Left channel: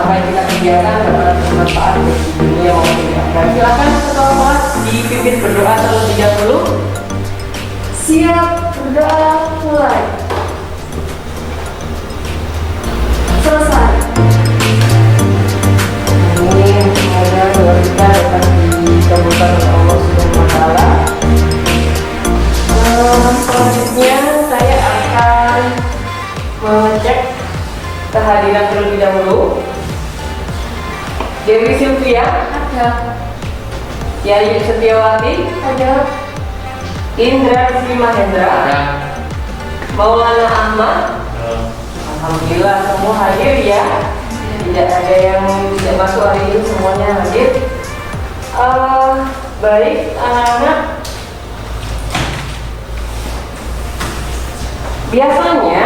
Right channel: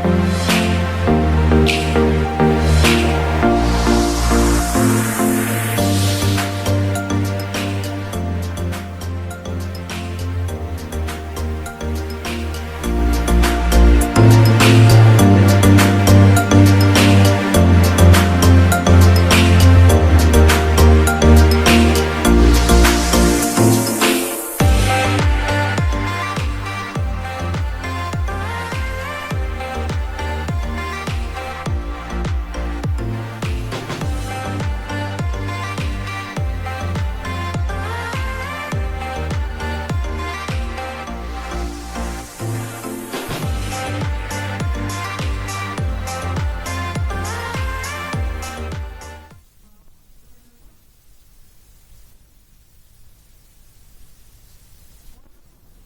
apa yang kita kerjakan adalah bermanfaat bagi yang mau mendengarkan. Silakan setelah dipimpin berdoa terlebih dahulu. Siap, berdoa, mulai. Selesai. Selanjutnya saya akan mengecek kehadiran terlebih dahulu. Dewi Sylvia, Ada. Yayu Setiawati, Ada. Indra Sri Mahendra, Maulana Ahmad. Alhamdulillah semua hadir ya. Tidak ada yang tidak masuk hari ini, semuanya hadir. Baik anak-anak. Biasanya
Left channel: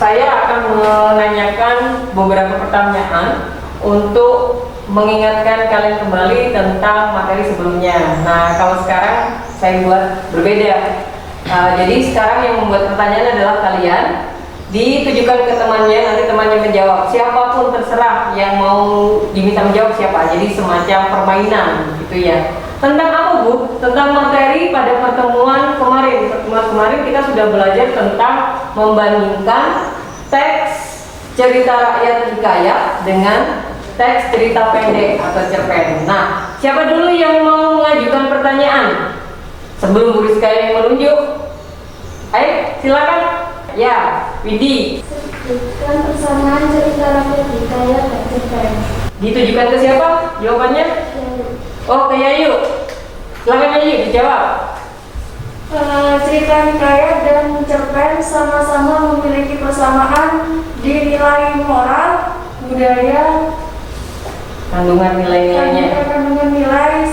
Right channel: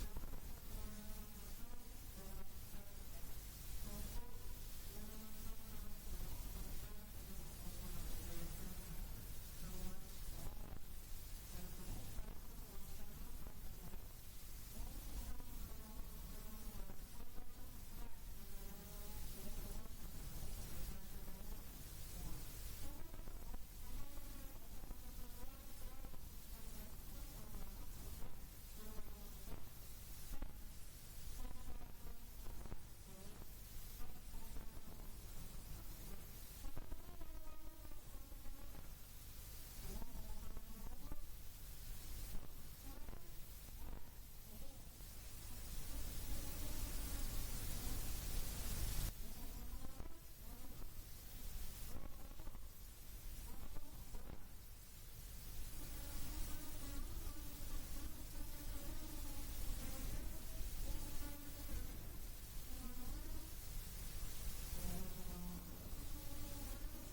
saya akan menanyakan beberapa pertanyaan untuk mengingatkan kalian kembali tentang materi sebelumnya. Nah, kalau sekarang saya buat berbeda. Jadi sekarang yang membuat pertanyaan adalah kalian. Ditujukan ke temannya, nanti temannya menjawab. Siapapun terserah yang mau diminta menjawab siapa. Jadi semacam permainan gitu ya. Tentang apa Bu? Tentang materi pada pertemuan kemarin. Pertemuan kemarin kita sudah belajar tentang membandingkan teks cerita rakyat hikayat dengan teks cerita pendek atau cerpen. Nah, siapa dulu yang mau mengajukan pertanyaan? Sebelum Bu Rizka yang menunjuk. Ayo, silakan. Ya, Widi. Sebutkan persamaan cerita rakyat hikayat dan cerpen. Ditujukan ke siapa? Jawabannya? Oh, ke Yayu. Silakan Yayu dijawab. Cerita hikayat dan cerpen sama-sama memiliki persamaan di nilai moral, budaya, Kandungan nilai-nilainya. kandungan nilai,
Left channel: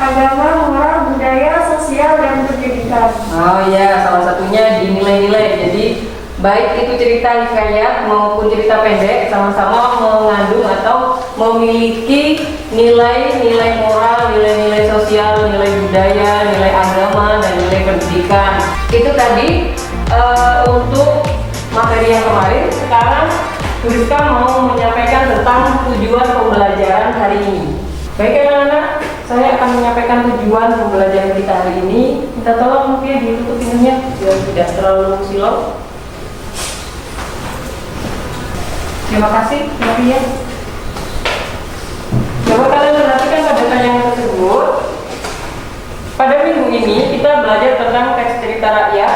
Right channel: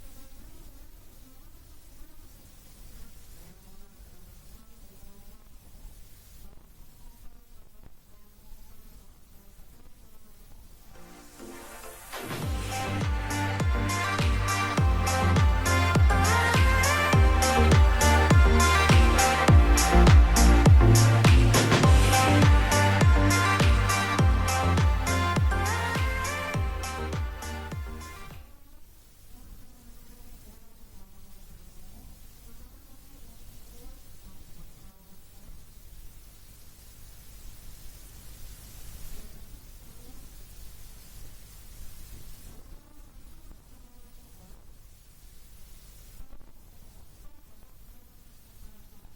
agama, moral, budaya, sosial, dan pendidikan. Oh iya, salah satunya di nilai-nilai. Jadi baik itu cerita hikayat maupun cerita pendek sama-sama mengandung atau memiliki nilai-nilai moral, nilai-nilai sosial, nilai budaya, nilai agama, dan nilai pendidikan. Itu tadi untuk materi yang kemarin. Sekarang Rizka mau menyampaikan tentang tujuan pembelajaran hari ini. Baik anak-anak, saya akan menyampaikan tujuan pembelajaran kita hari ini. Minta tolong mungkin ditutup pintunya biar tidak terlalu silau. Terima kasih, ya. Coba kalian perhatikan pada tayangan tersebut. Pada minggu ini kita belajar tentang teks cerita rakyat,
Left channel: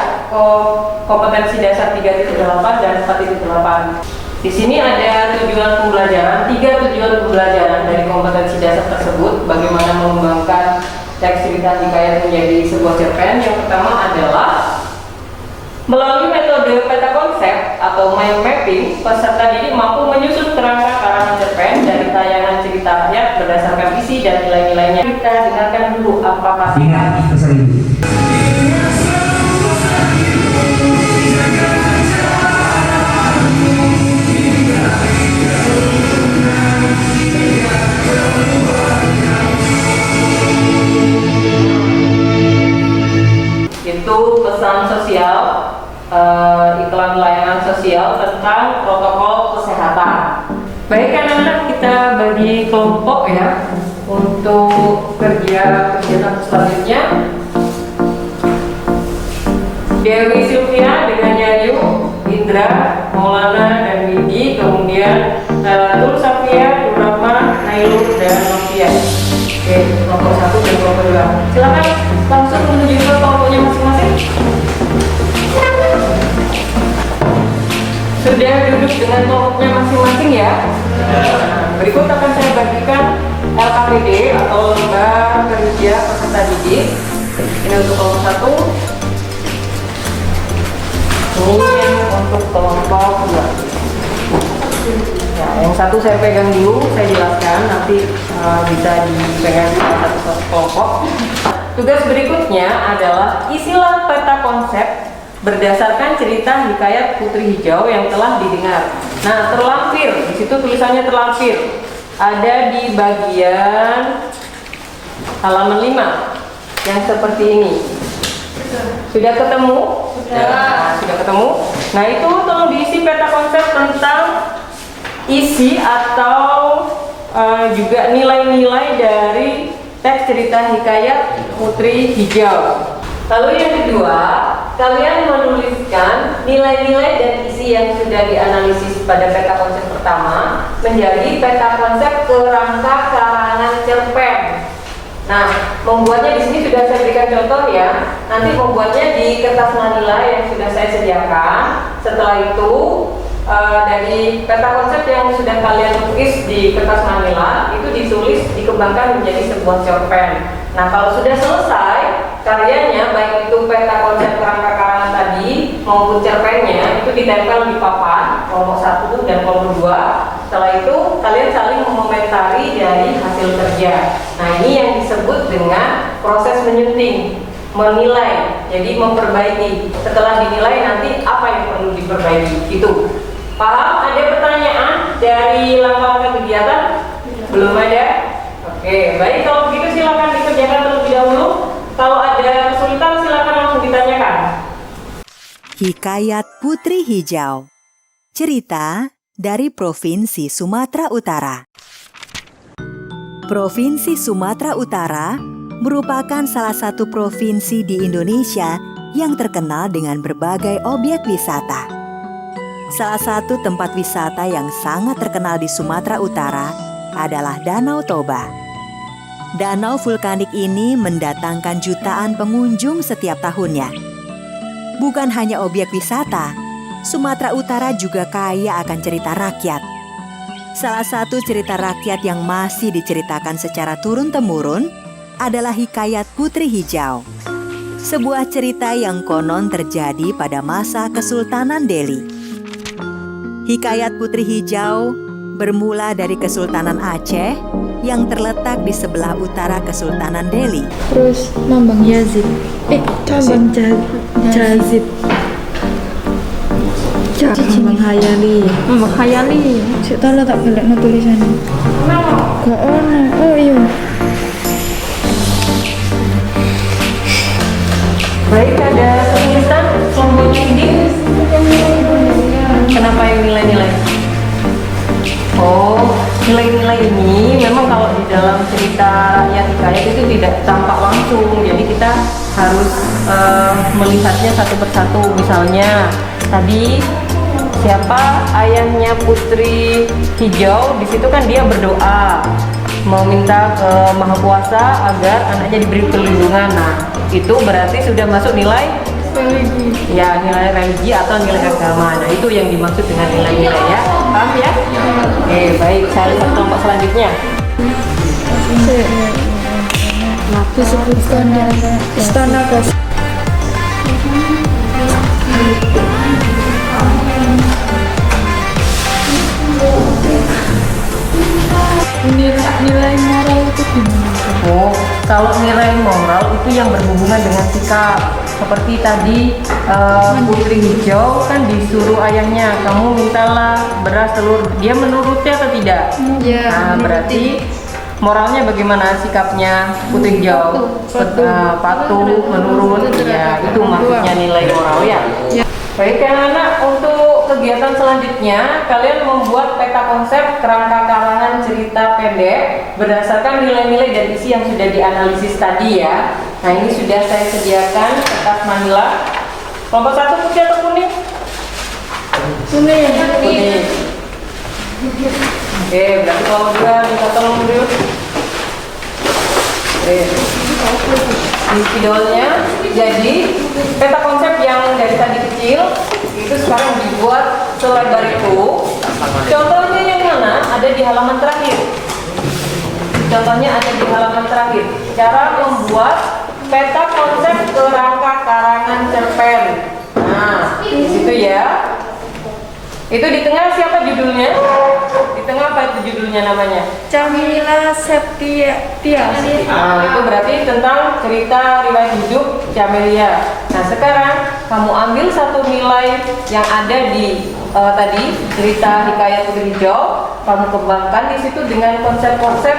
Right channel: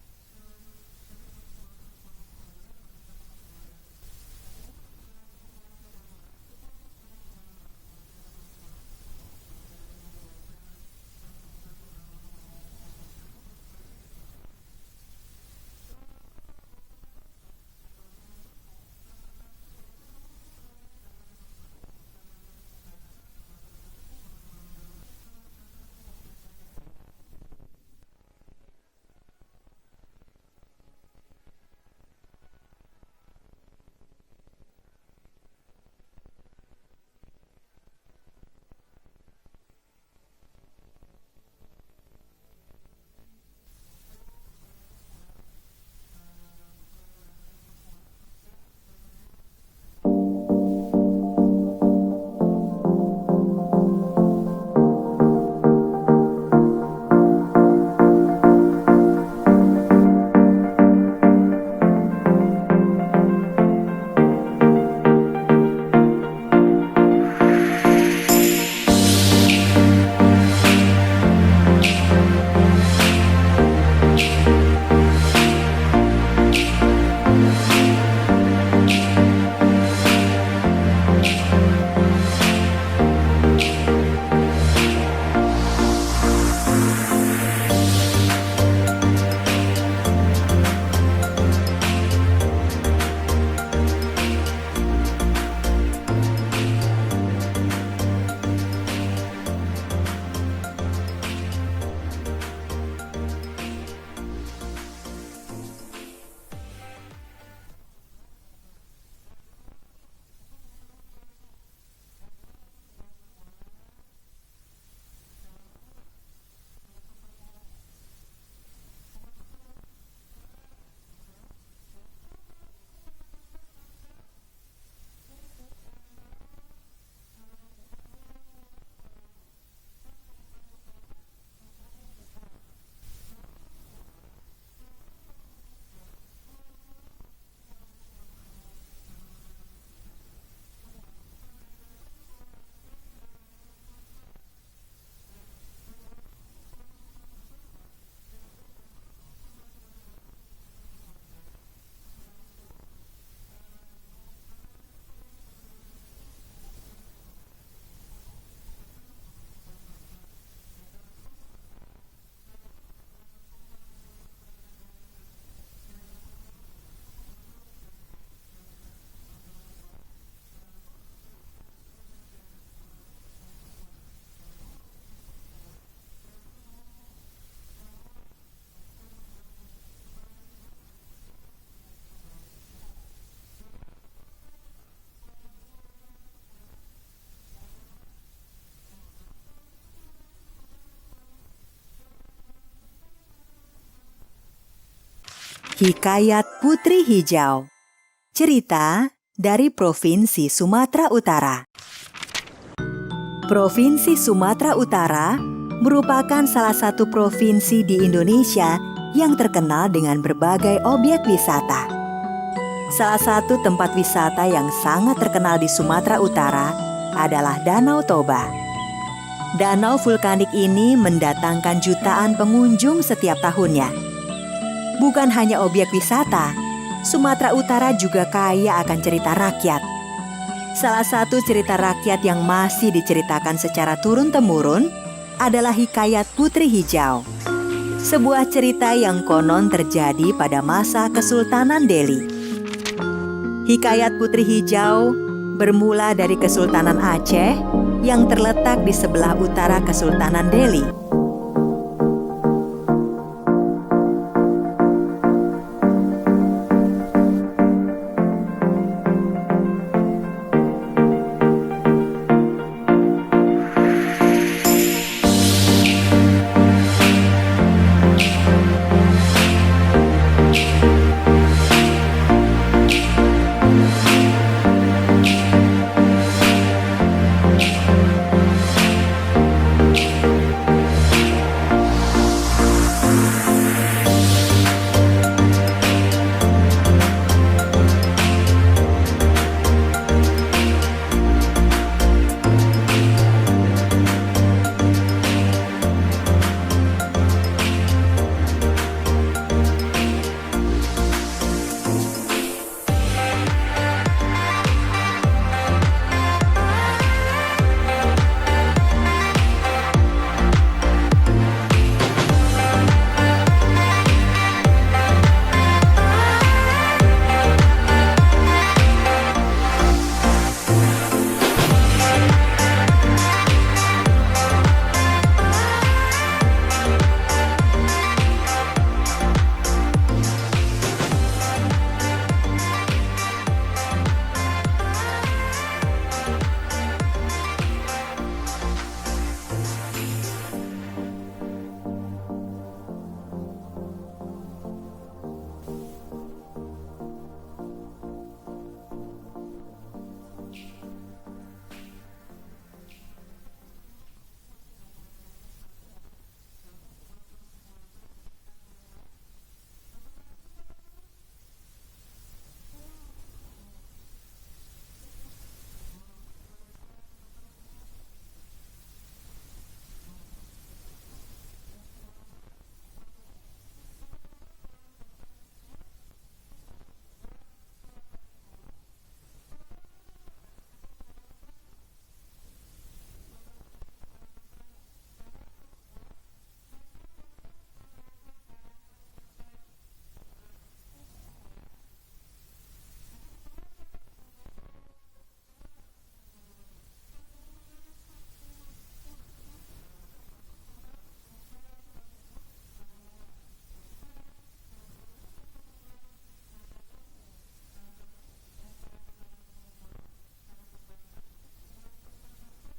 kompetensi dasar 3.8 dan 4.8. Di sini ada tujuan pembelajaran, 3 tujuan pembelajaran dari kompetensi dasar tersebut. Bagaimana mengembangkan teks cerita hikayat menjadi sebuah cerpen. Yang pertama adalah melalui metode peta konsep atau mind mapping, peserta didik mampu menyusun kerangka karangan cerpen dari tayangan cerita rakyat berdasarkan isi dan nilai-nilainya. Kita dengarkan dulu apa kata. Ingat pesan ibu. Itu pesan sosial, iklan layanan sosial tentang protokol kesehatan. Baik anak-anak, kita bagi kelompok ya untuk kerja kegiatan selanjutnya. Dewi Sylvia dengan Yayu, Indra, Maulana, dan Widi, kemudian Nur Safia, Nurama, Ayu, dan Novia. Oke, kelompok 1 dan kelompok 2. Silakan langsung menuju ke kelompoknya masing-masing. Sudah duduk dengan kelompoknya masing-masing ya. Berikut akan saya bagikan LKPD atau Lomba Kerja Peserta Didik. Ini untuk kelompok 1. Kemudian untuk kelompok 2. Nah, yang satu saya pegang dulu, saya jelaskan, nanti bisa dipegang satu kelompok. Tugas berikutnya adalah isilah peta konsep berdasarkan cerita hikayat Putri Hijau yang telah didengar. Nah, terlampir, di situ tulisannya terlampir. Ada di bagian halaman 5 yang seperti ini. Sudah ketemu? Sudah. Sudah ketemu? Nah, itu tolong diisi peta konsep tentang isi atau juga nilai-nilai dari teks cerita hikayat Putri Hijau. Lalu yang kedua, kalian menuliskan nilai-nilai dan isi yang sudah dianalisis pada peta konsep pertama menjadi peta konsep kerangka karangan cerpen. Nah, membuatnya di sini sudah saya berikan contoh ya. Nanti membuatnya di kertas manila yang sudah saya sediakan. Setelah itu dari peta konsep yang sudah kalian tulis di kertas manila itu ditulis dikembangkan menjadi sebuah cerpen. Nah, kalau sudah selesai karyanya, baik itu peta konsep kerangka karangan tadi maupun cerpennya, itu ditempel di papan kelompok 1 dan kelompok 2. Setelah itu kalian saling mengomentari dari hasil kerja. Nah, ini yang disebut dengan proses menyunting, menilai, jadi memperbaiki. Setelah dinilai nanti apa yang perlu diperbaiki, itu. Paham? Ada pertanyaan dari langkah-langkah kegiatan? Belum ada? Oke, baik, kalau begitu silakan dikerjakan terlebih dahulu. Kalau ada kesulitan silakan langsung ditanyakan. Hikayat Putri Hijau. Cerita dari Provinsi Sumatera Utara. Provinsi Sumatera Utara merupakan salah satu provinsi di Indonesia yang terkenal dengan berbagai objek wisata. Salah satu tempat wisata yang sangat terkenal di Sumatera Utara adalah Danau Toba. Danau vulkanik ini mendatangkan jutaan pengunjung setiap tahunnya. Bukan hanya objek wisata, Sumatera Utara juga kaya akan cerita rakyat. Salah satu cerita rakyat yang masih diceritakan secara turun-temurun adalah hikayat Putri Hijau. Sebuah cerita yang konon terjadi pada masa Kesultanan Delhi. Hikayat Putri Hijau bermula dari Kesultanan Aceh yang terletak di sebelah utara Kesultanan Delhi. Terus Mambang Yazid. Cabang Jazid. Mambang Hayali. Mambang Hayali. Saya tahu lah tak balik no tulisannya. Gak ono. Oh iya. Baik, ada kesulitan memilih. Kenapa yang nilai-nilai? Oh, nilai-nilai ini memang kalau di dalam cerita rakyat hikayat itu tidak tampak langsung. Jadi kita harus melihatnya satu persatu. Misalnya tadi siapa ayahnya Putri Hijau, di situ kan dia berdoa meminta ke Maha Kuasa agar anaknya diberi perlindungan. Nah, itu berarti sudah masuk nilai ya, nilai religi atau nilai agama. Nah, itu yang dimaksud dengan nilai-nilai ya. Paham ya? Oke, baik. Saya lihat kelompok selanjutnya. Disebutkan istana gas. Nilai moral itu gimana? Oh, kalau nilai moral itu yang berhubungan dengan sikap. Seperti tadi Putri Hijau kan disuruh ayahnya, kamu mintalah beras telur. Dia menuruti atau tidak? Iya. Nah, berarti moralnya bagaimana sikapnya Putri Hijau? Patuh, menurut. Ya, itu maksudnya nilai moral ya. Baik anak-anak, untuk kegiatan selanjutnya kalian membuat peta konsep kerangka karangan cerita pendek berdasarkan nilai-nilai dan isi yang sudah dianalisis tadi ya. Nah, ini sudah saya sediakan kertas manila. Kelompok 1 putih atau kuning? Kuning. Kuning. Oke, berarti kelompok 2 minta tolong dulu. Oke. Ini spidolnya. Jadi peta konsep yang dari tadi kecil itu sekarang dibuat selebar itu. Contohnya yang mana? Ada di halaman terakhir. Contohnya ada di halaman terakhir. Cara membuat peta konsep kerangka karangan cerpen. Nah, di situ ya. Itu di tengah siapa judulnya? Di tengah apa itu judulnya namanya? Camila Septia. Nah, itu berarti tentang cerita riwayat hidup Camelia. Nah, sekarang kamu ambil satu nilai yang ada di tadi cerita hikayat Putri Hijau, kamu kembangkan di situ dengan konsep-konsep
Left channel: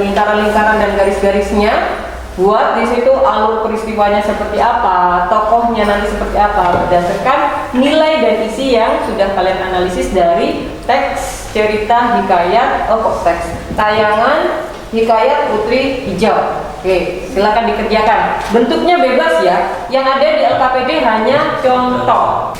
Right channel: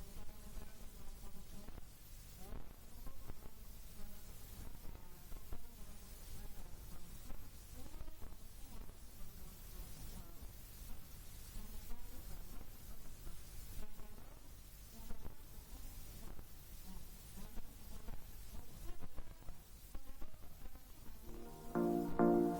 lingkaran-lingkaran dan garis-garisnya. Buat di situ alur peristiwanya seperti apa, tokohnya nanti seperti apa, berdasarkan nilai dan isi yang sudah kalian analisis dari teks cerita hikayat tayangan hikayat Putri Hijau. Oke, silakan dikerjakan. Bentuknya bebas ya. Yang ada di LKPD hanya contoh.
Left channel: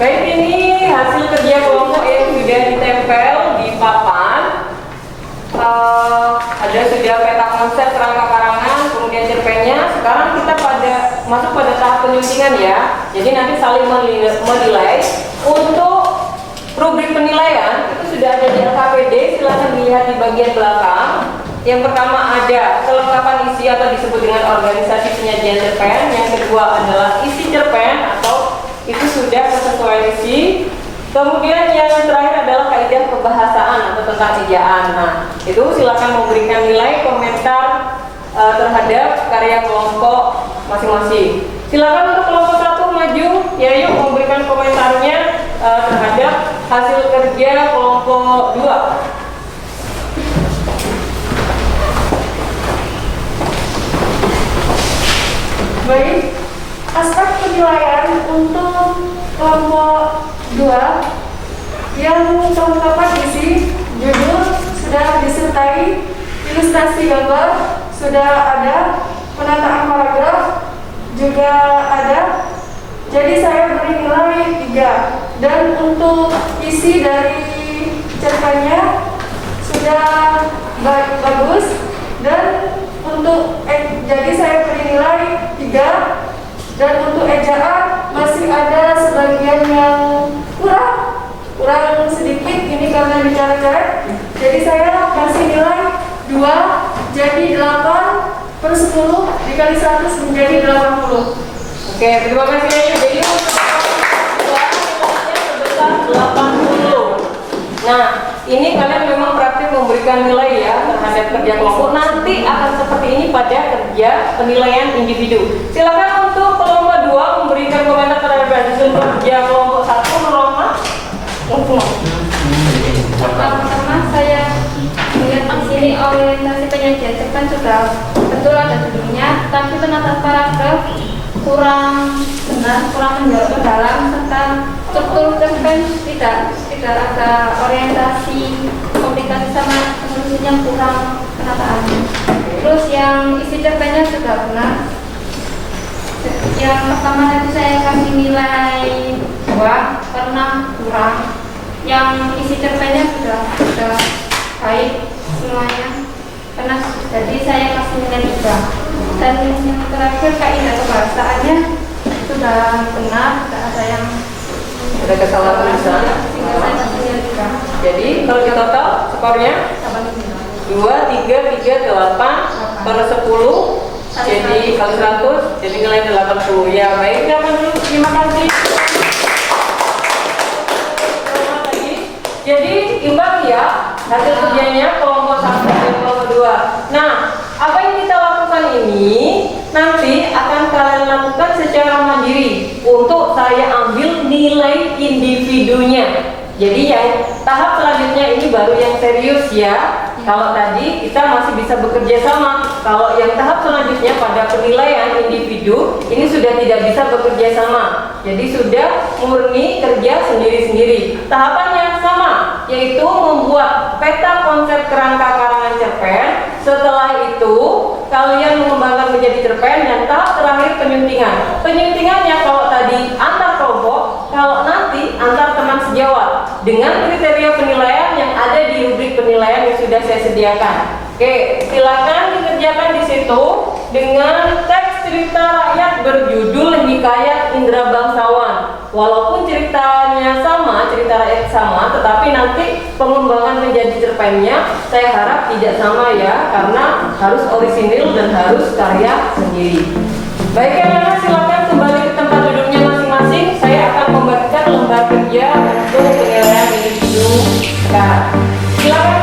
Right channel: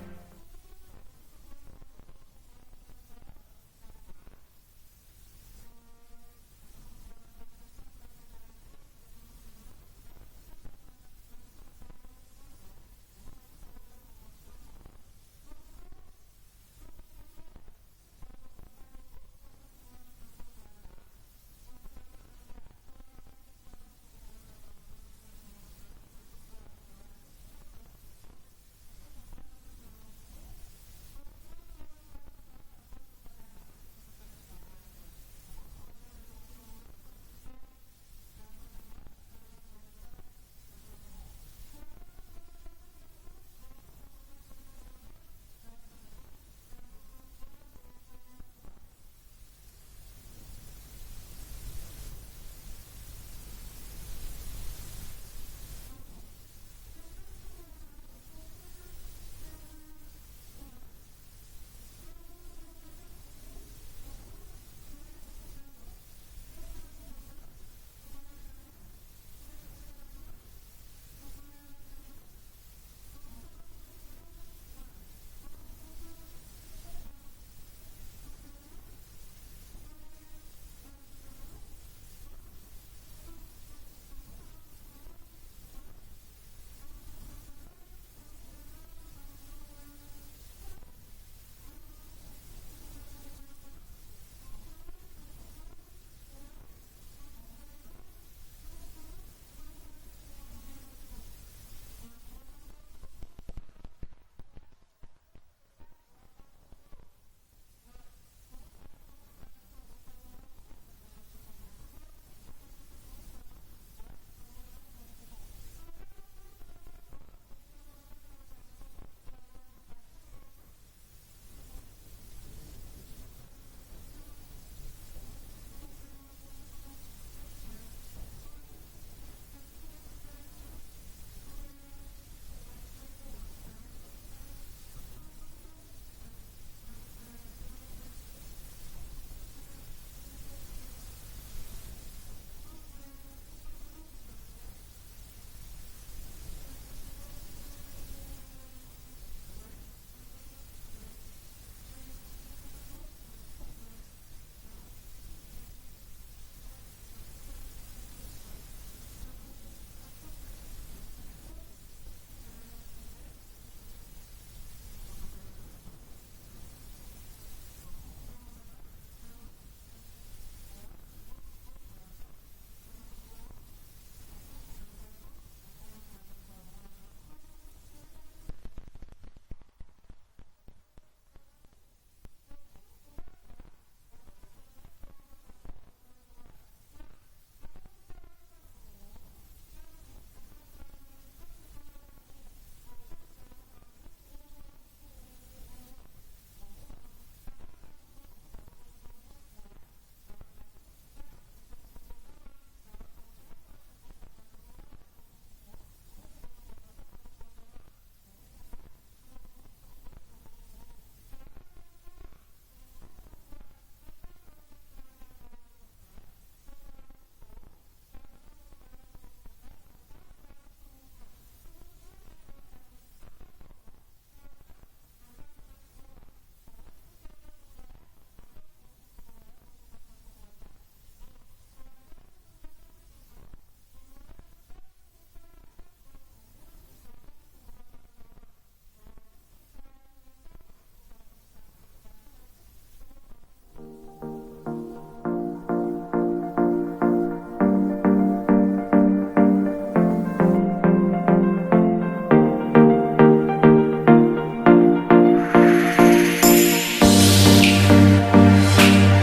Baik, ini hasil kerja kelompok yang sudah ditempel di papan. Ada sudah peta konsep kerangka karangan, kemudian cerpennya. Sekarang kita masuk pada tahap penyuntingan ya. Jadi nanti saling menilai. Untuk rubrik penilaian itu sudah ada di LKPD. Silahkan dilihat di bagian belakang. Yang pertama ada kelengkapan isi atau disebut dengan organisasi penyajian cerpen. Yang kedua adalah isi cerpen atau itu sudah kesesuaian isi. Kemudian yang terakhir adalah kaidah kebahasaan atau tentang ejaan. Nah, itu silakan memberikan nilai komentar terhadap karya kelompok masing-masing. Silakan untuk kelompok 1 maju, ya yuk memberikan komentarnya terhadap hasil kerja kelompok 2. Baik, aspek penilaian untuk kelompok 2 yang kelengkapan isi judul sudah disertai ilustrasi gambar sudah ada, penataan paragraf juga ada. Jadi saya beri nilai 3. Dan untuk isi dari cerpennya sudah bagus. Dan untuk jadi saya beri nilai 3. Dan untuk ejaan masih ada sebagian yang kurang sedikit, ini karena bicara-bicara. Jadi saya kasih nilai 2. Jadi 8/10 dikali 100 menjadi 80. Oke, terima kasih. Jadi untuk nilainya sebesar 80. Nah, ini kalian memang praktik memberikan nilai ya terhadap kerja kelompok. Nanti akan seperti ini pada kerja penilaian individu. Silakan untuk kelompok 2 memberikan komentar terhadap hasil kerja kelompok 1. Norma. Pertama saya melihat di sini orientasi penyajian cerpen sudah betul ada judulnya, tapi penataan paragraf kurang benar, kurang menjauh ke dalam, serta struktur cerpen tidak ada orientasi komunikasi sama penulisnya, kurang penataannya. Terus yang isi cerpennya sudah benar. Yang pertama tadi saya kasih nilai 2 karena kurang. Yang isi cerpennya sudah baik semuanya, karena jadi saya kasih nilai 3. Dan yang terakhir kaidah kebahasaannya sudah benar, tidak ada yang Ada kesalahan tulisan. sehingga saya kasih nilai 3. Jadi kalau di total skornya 2, 3, 3, 8/10. Jadi kali 100, jadi nilai 80. Ya baik, terima kasih. Jadi imbang ya hasil kerjanya kelompok 1 dan kelompok 2. Nah, apa yang kita lakukan ini nanti akan kalian lakukan secara mandiri. Untuk saya ambil nilai individunya. Jadi yang tahap selanjutnya ini baru yang serius ya. Kalau tadi kita masih bisa bekerja sama. Kalau yang tahap selanjutnya pada penilaian individu ini sudah tidak bisa bekerja sama. Jadi sudah murni kerja sendiri-sendiri. Tahapannya sama, yaitu membuat peta konsep kerangka karangan cerpen. Setelah itu kalian mengembangkan menjadi cerpen dan tahap terakhir penyuntingan. Penyuntingannya kalau tadi antar kelompok, kalau nanti antar teman sejawat dengan kriteria penilaian yang ada di rubrik penilaian yang sudah saya sediakan. Oke, silakan dikerjakan di situ dengan teks cerita rakyat berjudul Hikayat Indra Bangsawan. Walaupun ceritanya sama, cerita rakyat sama, tetapi nanti pengembangan menjadi cerpennya saya harap tidak sama ya, karena harus orisinil dan harus karya sendiri. Baik ya, silakan kembali ke tempat duduknya masing-masing. Saya akan memberikan lembar kerja untuk penilaian individu sekarang. Silakan.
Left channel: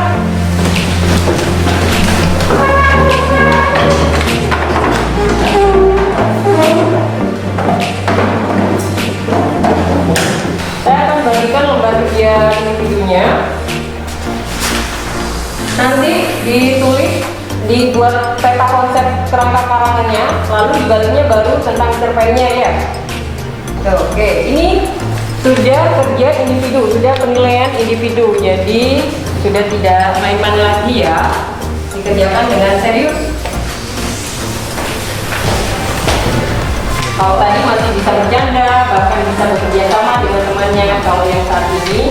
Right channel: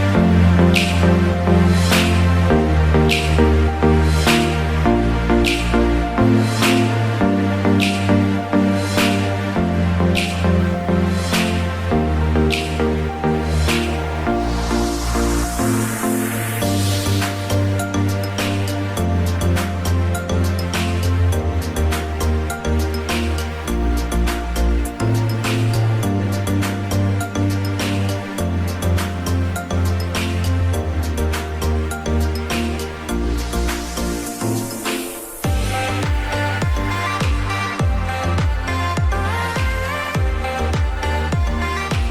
Saya akan bagikan lembar kerja individunya. Nanti ditulis, dibuat peta konsep kerangka karangannya, lalu dibaliknya baru tentang cerpennya ya. Oke, ini sudah kerja individu, sudah penilaian individu, jadi sudah tidak main-main lagi ya, dikerjakan dengan serius. Kalau tadi masih bisa bercanda, bahkan bisa bekerja sama dengan temannya. Kalau yang saat ini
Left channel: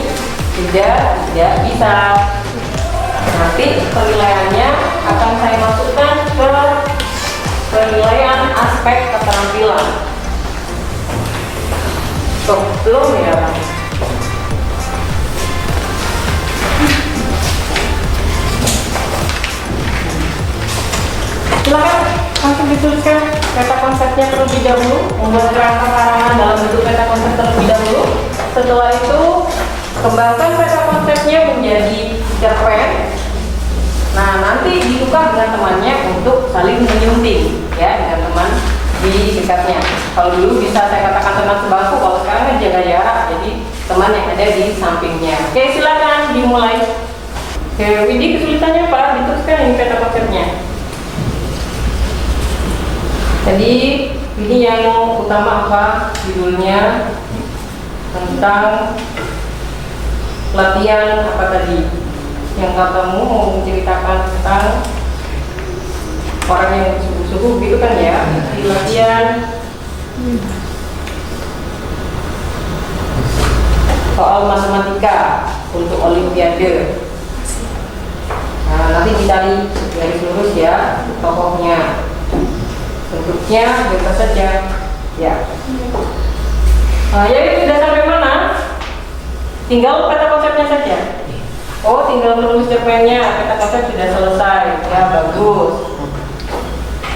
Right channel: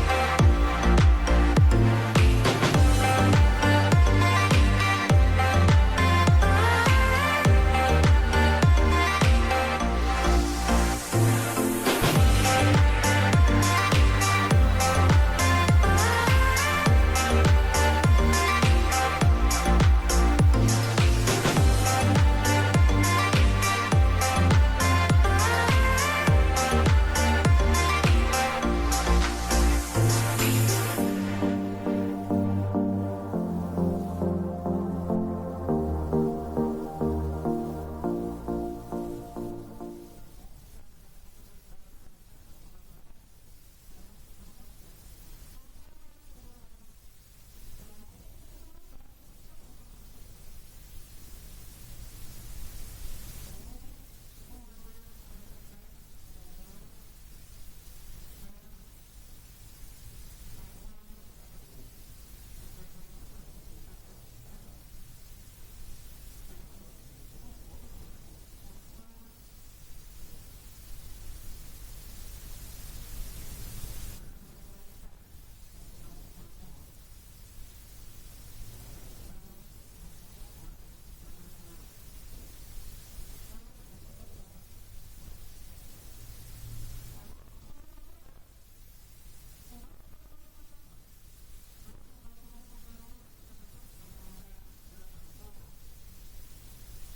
tidak bisa. Nanti penilaiannya akan saya masukkan ke penilaian aspek keterampilan. Belum ya. Silakan langsung dituliskan peta konsepnya terlebih dahulu, membuat kerangka karangan dalam bentuk peta konsep terlebih dahulu. Setelah itu kembangkan peta konsepnya menjadi cerpen. Nah, nanti ditukar dengan temannya untuk saling menyunting ya, dengan teman di dekatnya. Kalau dulu bisa saya katakan teman sebangku, kalau sekarang kan jaga jarak, jadi teman yang ada di sampingnya. Oke, silakan dimulai. Oke, Widi, kesulitannya apa? Diteruskan ini peta konsepnya. Jadi ini yang utama apa? Judulnya tentang latihan apa tadi? Yang katamu mau menceritakan tentang orang yang subuh-subuh gitu kan ya, di latihan soal matematika untuk olimpiade. Nah, nanti dicari garis lurus ya tokohnya, bentuknya bebas saja ya. Ya itu sudah sampai mana? Tinggal peta konsepnya saja. Oh, tinggal menulis cerpennya, peta konsep sudah selesai. Ya, bagus.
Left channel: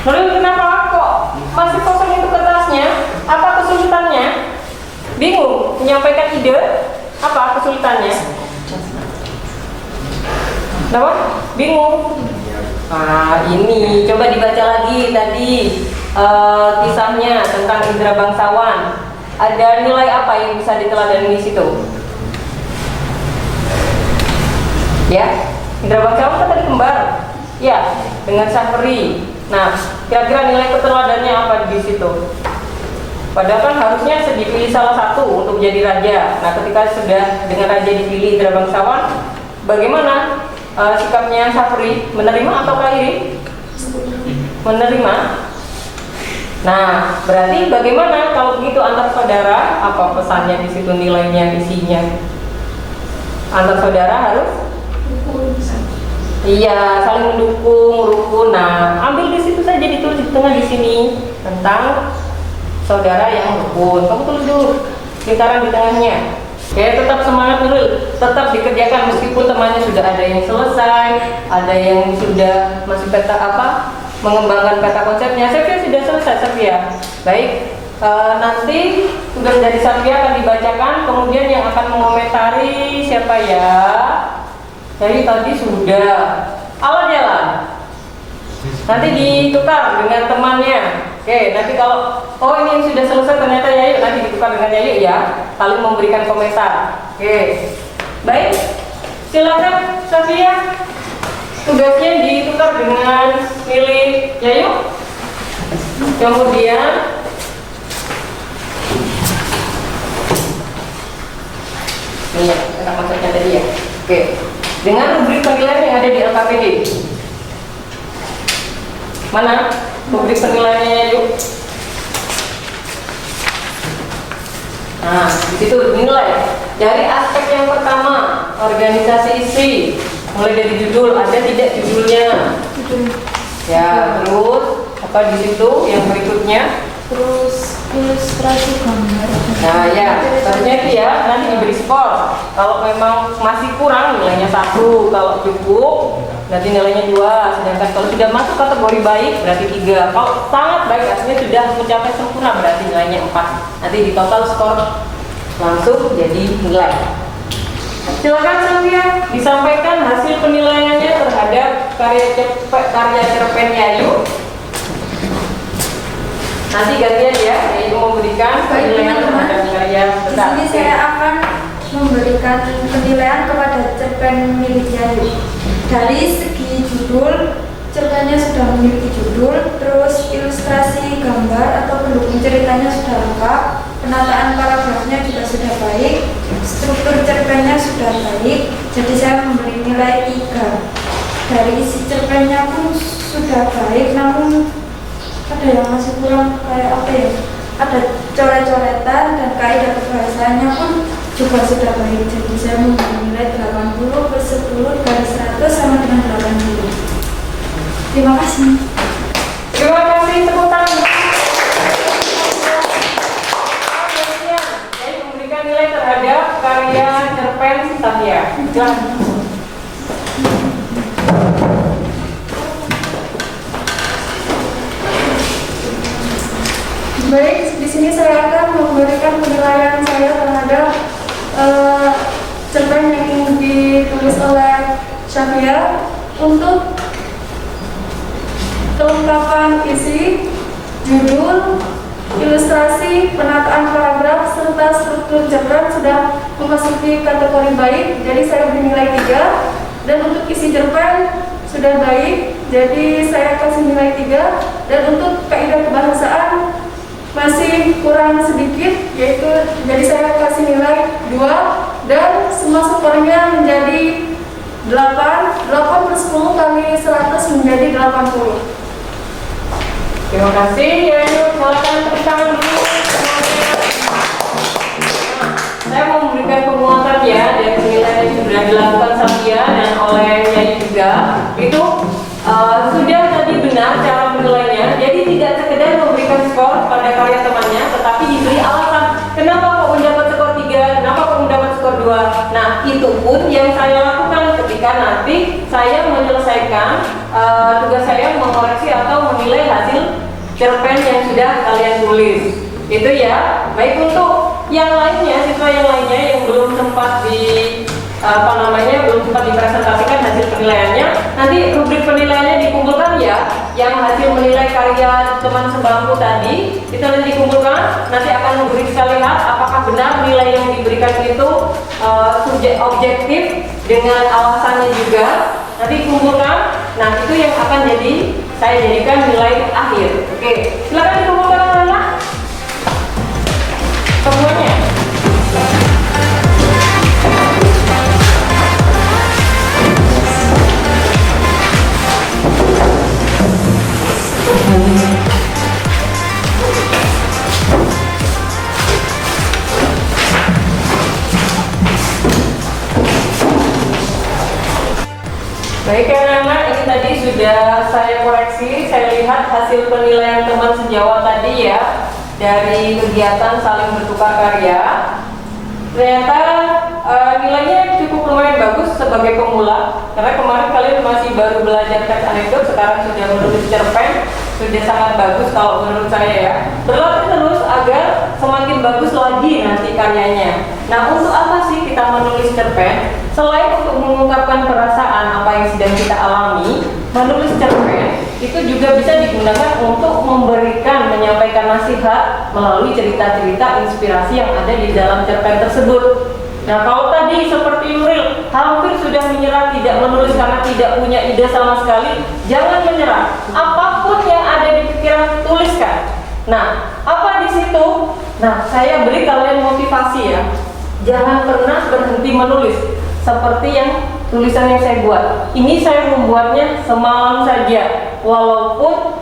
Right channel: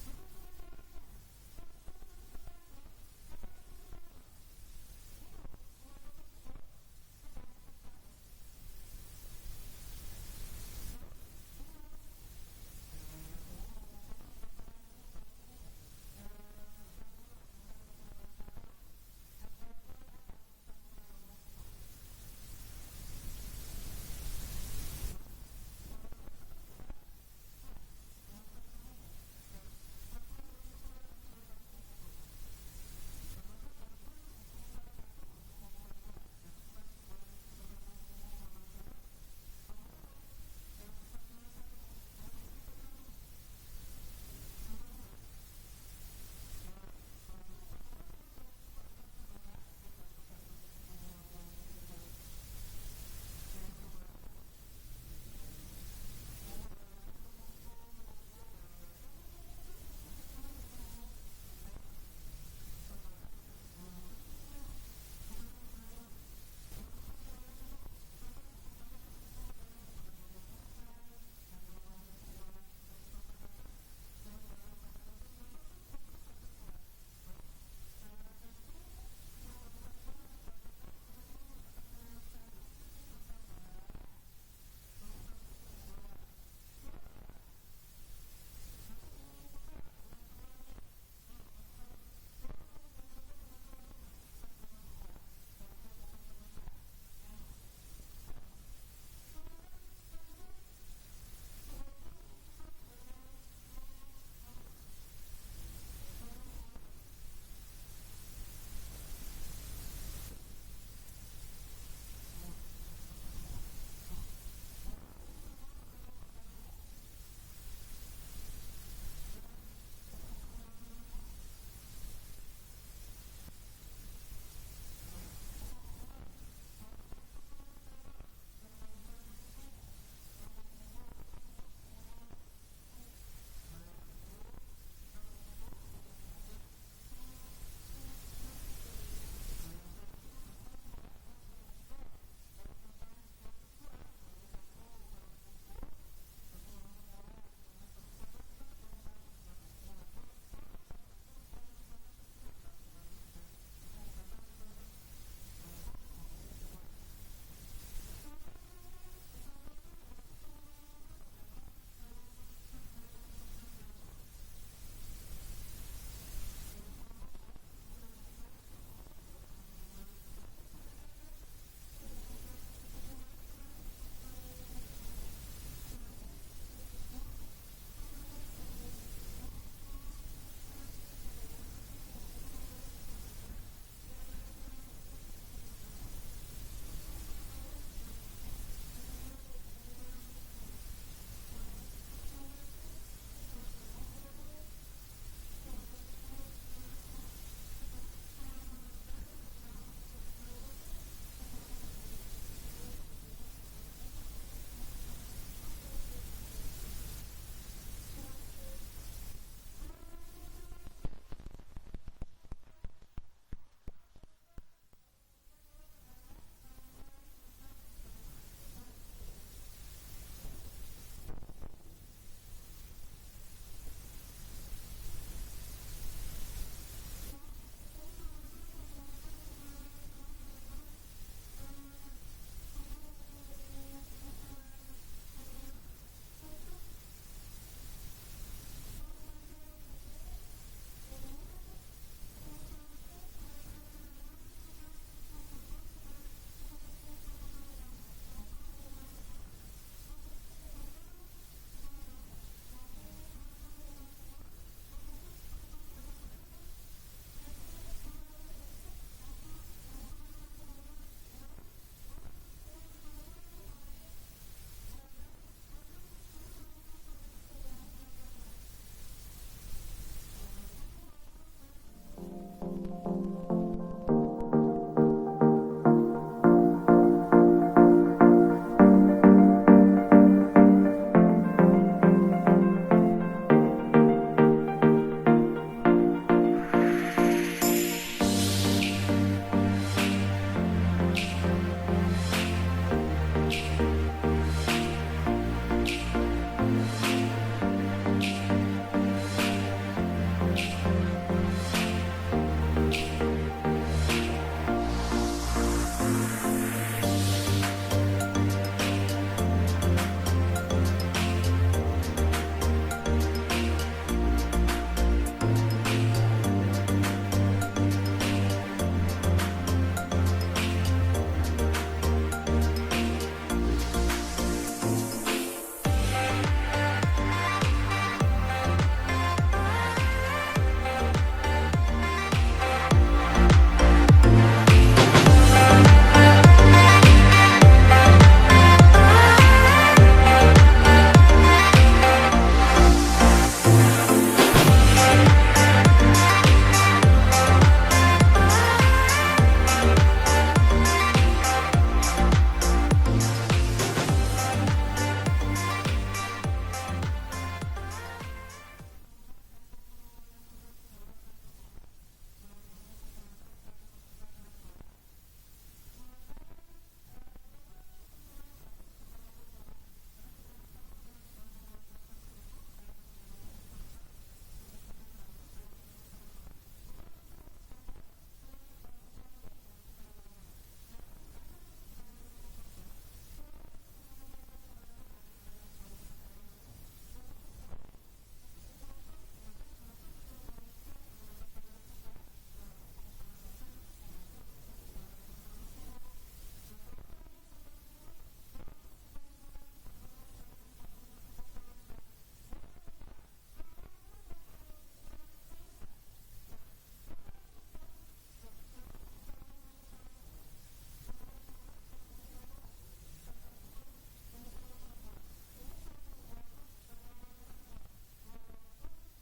Lalu kenapa kok masih kosong itu kertasnya? Apa kesulitannya? Bingung menyampaikan ide? Apa kesulitannya? Kenapa? Bingung? Nah, ini coba dibaca lagi tadi kisahnya tentang indera bangsawan. Ada nilai apa yang bisa diteladani di situ? Ya, indera bangsawan kan tadi kembar. Ya, dengan Syafri. Nah, kira-kira nilai keteladannya apa di situ? Padahal kan harusnya dipilih salah satu untuk jadi raja. Nah, ketika sudah dengan raja dipilih indera bangsawan, bagaimana sikapnya Syafri? Menerima atau iri? Menerima. Nah, berarti bagaimana kalau begitu antar saudara? Apa pesannya di situ, nilainya, isinya? Antar saudara harus? Iya, saling mendukung, rukun. Nah, ambil di situ saja, ditulis di tengah di sini tentang saudara yang rukun. Kamu tulis dulu lingkaran di tengahnya. Ya, tetap semangat dulu, tetap dikerjakan meskipun temannya sudah ada yang selesai, ada yang sudah masih peta mengembangkan peta konsepnya. Safia sudah selesai, Safia. Baik, nanti tugas dari Safia akan dibacakan, kemudian yang akan mengomentari siapa ya? Jadi tadi sudah. Alat jalan. Nanti ditukar dengan temannya. Oke, nanti kalau ini yang sudah selesai ternyata Yayu, nanti ditukar dengan Yayu ya, saling memberikan komentar. Oke, baik, silakan Safia, tugasnya ditukar dengan milik Yayu. Kemudian ini ya, kita konsepnya tadi ya. Oke, dengan rubrik penilaian yang ada di LKPD. Mana rubrik penilaiannya yuk? Nah, di situ dinilai dari aspek yang pertama, organisasi isi, mulai dari judul, ada tidak judulnya? Ya, terus apa di situ yang berikutnya? Terus ilustrasi gambar. Nah ya, seharusnya itu ya nanti diberi skor. Kalau memang masih kurang nilainya 1, kalau cukup nanti nilainya 2. Sedangkan kalau sudah masuk kategori baik berarti 3. Kalau sangat baik artinya sudah mencapai sempurna berarti nilainya 4. Nanti di total skor langsung jadi nilai. Silakan Sylvia disampaikan hasil penilaiannya terhadap karya cerpen Yayu. Nanti gantian ya, yaitu memberikan penilaian terhadap karya. Di sini saya akan memberikan penilaian kepada cerpen milik Yayu. Dari segi judul, cerpennya sudah memiliki judul, terus ilustrasi gambar atau pendukung ceritanya sudah lengkap, penataan paragrafnya juga sudah baik, struktur cerpennya sudah baik, jadi saya memberi nilai 3. Dari isi cerpennya pun sudah baik, namun ada yang masih kurang kayak apa ya, ada coret-coretan dan kaidah kebahasaannya pun juga sudah baik, jadi saya memberi nilai 80/10/100 sama dengan 80. Terima kasih. Terima kasih, tepuk tangan. Saya memberikan nilai terhadap karya cerpen Safia. Baik, di sini saya akan memberikan penilaian saya terhadap cerpen yang ditulis oleh Safia untuk kelengkapan isi, judul, ilustrasi, penataan paragraf, serta struktur cerpen sudah memasuki kategori baik, jadi saya beri nilai 3. Dan untuk isi cerpen sudah baik, jadi saya kasih nilai 3. Dan untuk kaidah kebahasaan masih kurang sedikit, yaitu jadi saya kasih nilai 2. Dan semua skornya menjadi 8. 8/10 kali 100 menjadi 80. Terima kasih. Ya, yuk, silakan tepuk tangan dulu. Saya mau memberikan penguatan ya dari penilaian yang sudah dilakukan Satya dan oleh Nyai juga. Itu sudah tadi benar cara menilainya. Jadi tidak sekedar memberikan skor pada karya temannya, tetapi diberi alasan kenapa kok mendapat skor 3, kenapa kok mendapat skor 2. Nah, itu pun yang saya lakukan ketika nanti saya menyelesaikan tugas saya mengoreksi atau menilai hasil cerpen yang sudah kalian tulis. Itu ya. Baik, untuk yang lainnya, siswa yang lainnya yang belum sempat belum sempat dipresentasikan hasil penilaiannya, nanti rubrik penilaiannya dikumpulkan ya. Yang hasil menilai karya teman sebangku tadi itu nanti dikumpulkan, nanti akan memeriksa lihat apakah benar nilai yang diberikan itu objektif dengan alasannya juga. Nanti dikumpulkan. Nah, itu yang akan saya jadikan nilai akhir. Oke, silakan dikumpulkan anak-anak. Semuanya. Baik anak-anak, ini tadi sudah saya koreksi. Saya lihat hasil penilaian teman sejawat tadi ya, dari kegiatan saling bertukar karya. Ternyata nilainya cukup lumayan bagus sebagai pemula, karena kemarin kalian masih baru belajar teks anekdot, sekarang sudah menulis cerpen, sudah sangat bagus kalau menurut saya ya. Berlatih terus agar semakin bagus lagi nanti karyanya. Nah, untuk apa sih kita menulis cerpen? Selain untuk mengungkapkan perasaan apa yang sedang kita alami, menulis cerpen itu juga bisa digunakan untuk menyampaikan nasihat melalui cerita-cerita inspirasi yang ada di dalam cerpen tersebut. Nah, kalau tadi seperti Nuril hampir sudah menyerah, tidak menulis karena tidak punya ide sama sekali, jangan menyerah. Apapun yang ada di pikiran, tuliskan. Nah, apa di situ? Nah, saya beri kalian motivasi ya. Jangan pernah berhenti menulis. Seperti yang tulisan yang saya buat. Ini saya membuatnya semalam saja. Walaupun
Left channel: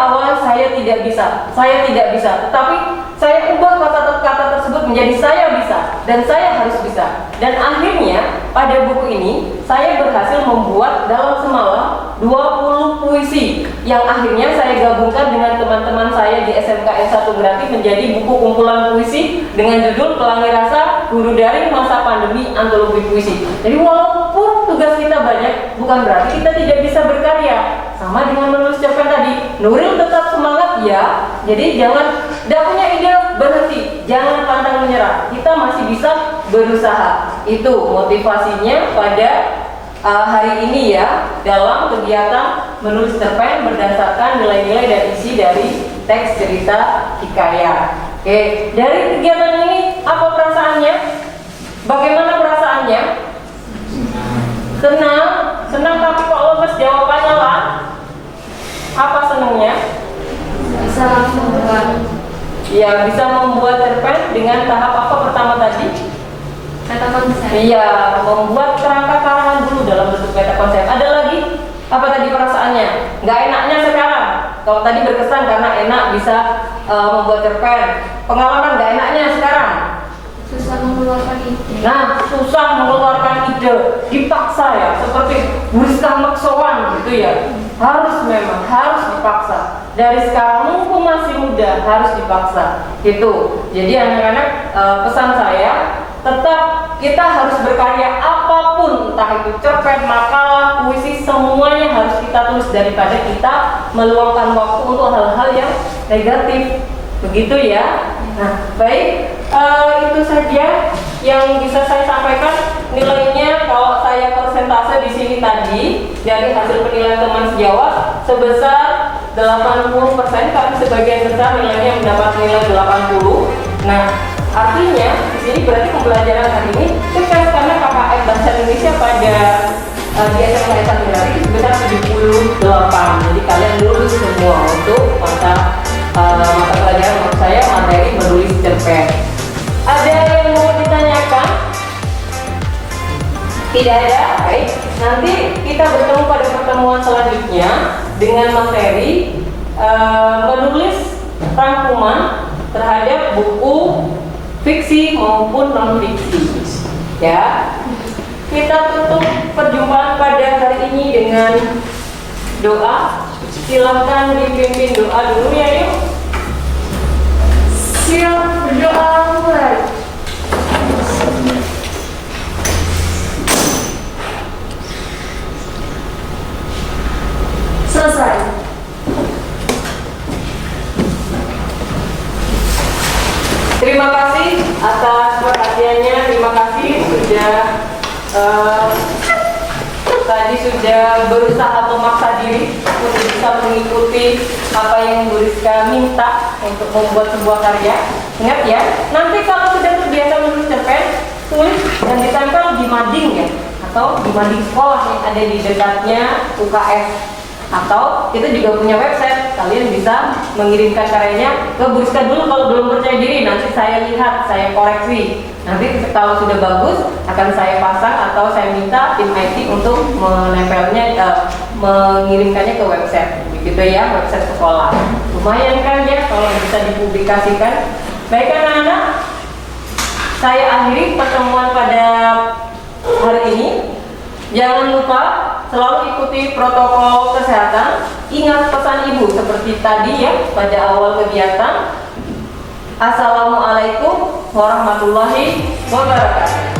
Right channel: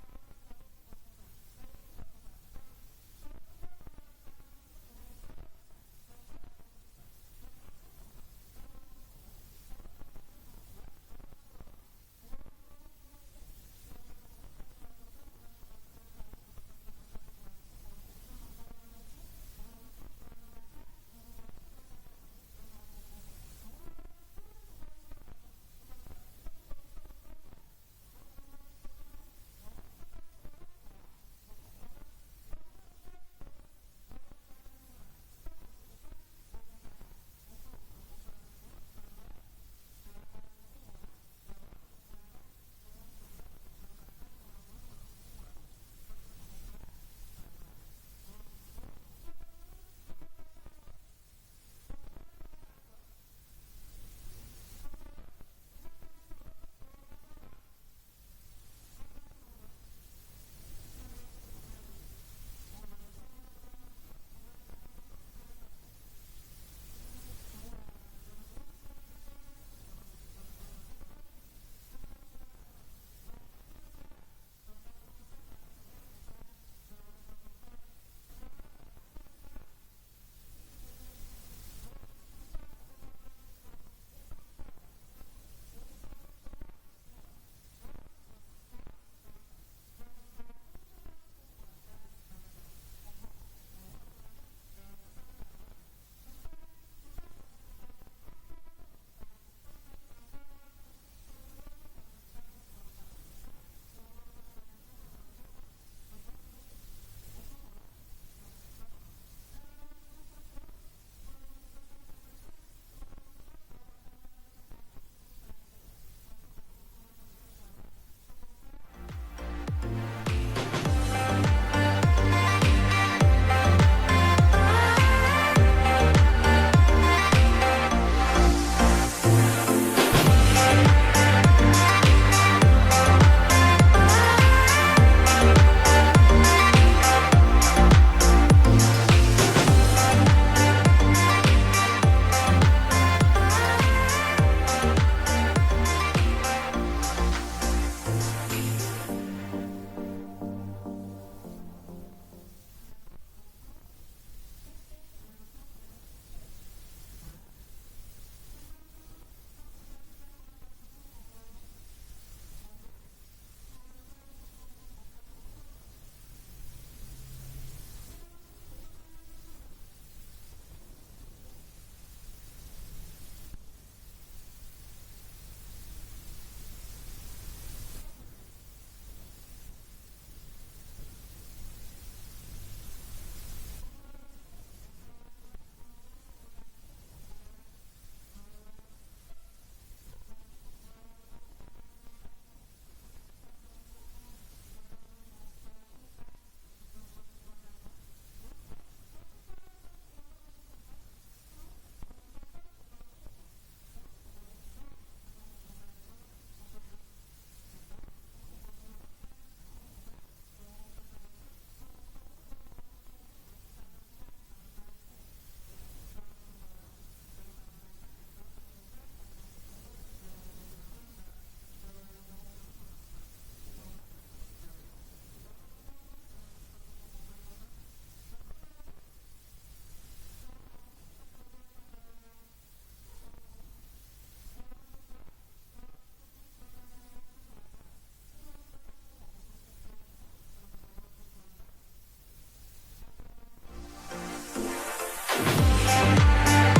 awalnya saya tidak bisa, tetapi saya ubah kata-kata tersebut menjadi saya bisa dan saya harus bisa. Dan akhirnya pada buku ini saya berhasil membuat dalam semalam 20 puisi yang akhirnya saya gabungkan dengan teman-teman saya di SMKN 1 Grati menjadi buku kumpulan puisi dengan judul Pelangi Rasa Guru Daring Masa Pandemi Antologi Puisi. Jadi walaupun tugas kita banyak, bukan berarti kita tidak bisa berkarya. Sama dengan menulis cerpen tadi, Nuril tetap semangat ya. Jadi tidak punya ide, berhenti, jangan pantang menyerah. Kita masih bisa berusaha. Itu motivasinya pada hari ini ya, dalam kegiatan menulis cerpen berdasarkan nilai-nilai dan isi dari teks cerita hikayat. Oke, dari kegiatan ini apa perasaannya? Bagaimana perasaannya? Senang tapi kok lemes jawabannya lah. Apa senangnya? Bisa langsung membuat. Ya, bisa membuat cerpen dengan tahap apa pertama tadi? Kata konsep. Iya, membuat kerangka karangan dulu dalam bentuk meta konsep. Ada lagi? Apa tadi perasaannya? Nggak enaknya sekarang. Kalau tadi berkesan karena enak bisa membuat cerpen. Pengalaman nggak enaknya sekarang? Susah mengeluarkan ide. Nah, susah mengeluarkan ide, dipaksa ya, seperti Rizka Maksowan gitu ya. Harus dipaksa. Dari sekarang mumpung masih muda harus dipaksa. Gitu. Jadi anak-anak, pesan saya tetap kita harus berkarya apapun, entah itu cerpen, makalah, puisi, semuanya harus kita tulis daripada kita meluangkan waktu untuk hal-hal yang negatif. Begitu ya. Nah, baik, itu saja yang bisa saya sampaikan. Nilainya kalau saya persentase di sini tadi dari hasil penilaian teman sejawat sebesar 80%, tapi sebagian besar nilainya mendapat nilai 80. Nah, artinya di sini berarti pembelajaran hari ini sukses karena KKM Bahasa Indonesia pada di SMKN 1 Grati sebesar 78. Jadi kalian lulus semua untuk mata pelajaran maksud saya materi menulis cerpen. Ada yang mau ditanyakan? Tidak ada? Baik, nanti kita bertemu pada pertemuan selanjutnya dengan materi teman-teman terhadap buku fiksi maupun non-fiksi. Ya, kita tutup perjumpaan pada hari ini dengan doa. Silahkan dipimpin doa dulu ya, yuk. Siap, berdoa mulai. Selesai. Terima kasih atas perhatiannya. Terima kasih sudah tadi sudah berusaha memaksa diri untuk bisa mengikuti apa yang Bu Rizka minta untuk membuat sebuah karya. Ingat ya, nanti kalau sudah terbiasa menulis cerpen, tulis dan ditempel di mading ya, atau di mading sekolah yang ada di dekatnya UKS. Atau kita juga punya website, kalian bisa mengirimkan karyanya ke Bu Rizka dulu kalau belum percaya diri. Nanti saya lihat, saya koreksi. Nanti kalau sudah bagus akan saya pasang atau saya minta tim IT untuk menempelnya, mengirimkannya ke website. Begitu ya, website sekolah. Lumayan kan ya kalau bisa dipublikasikan. Baik anak-anak, saya akhiri pertemuan pada hari ini. Jangan lupa selalu ikuti protokol kesehatan. Ingat pesan ibu seperti tadi ya pada awal kegiatan. Assalamualaikum warahmatullahi wabarakatuh.